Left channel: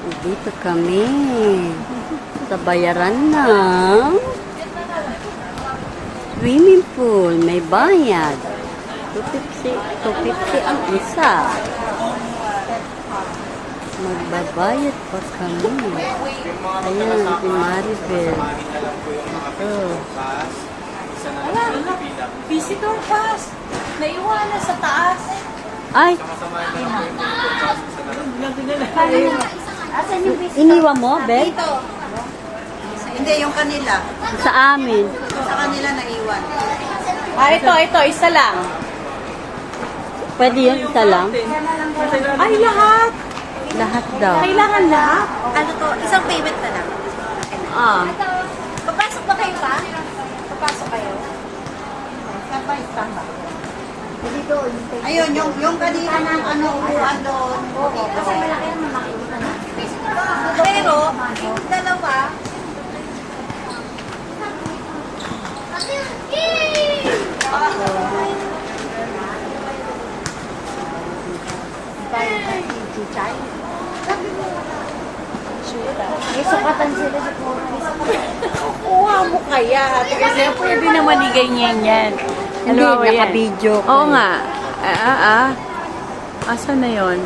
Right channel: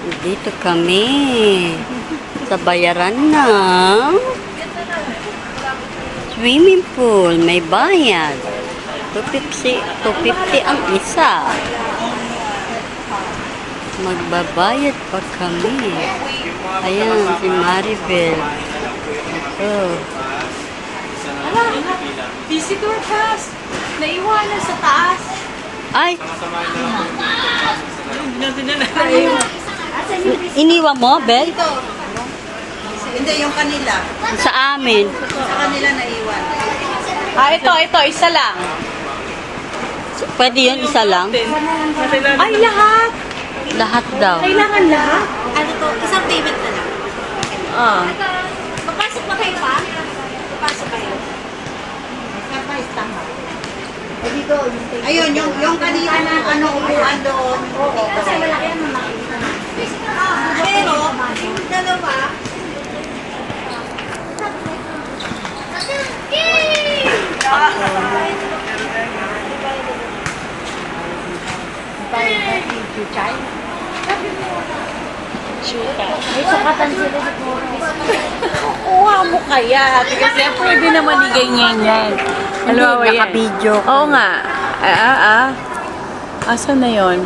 Dito kami sa bayaran ng swimming pool. May bayad. 250 ang isa. Magbabayad pa kami. Ayan, si Maribel. Ito. Visitor pass. Naiwanan sa taas. Ay! Iniwan mo, Bel? Hindi, yung kanila. Sa amin. Sa kanila naiwan. Ito, isa lang. Pwede yun, isa lang? Ay, lahat. Lahat daw. Kailangan lahat. Ano to? Isang payment na lang. Ah. Papasok ba kayo pa? Papasok kayo. Ayun, yung kanina ano, upuan doon. Oo. Kasi malaki naman makikita na. Pero, yung dalawa, May sukatan sila sa kuha mo kaya. Kasi pwede naman i ganyan yan. Hindi, naka-video ko. Oo nga. Asan na yon?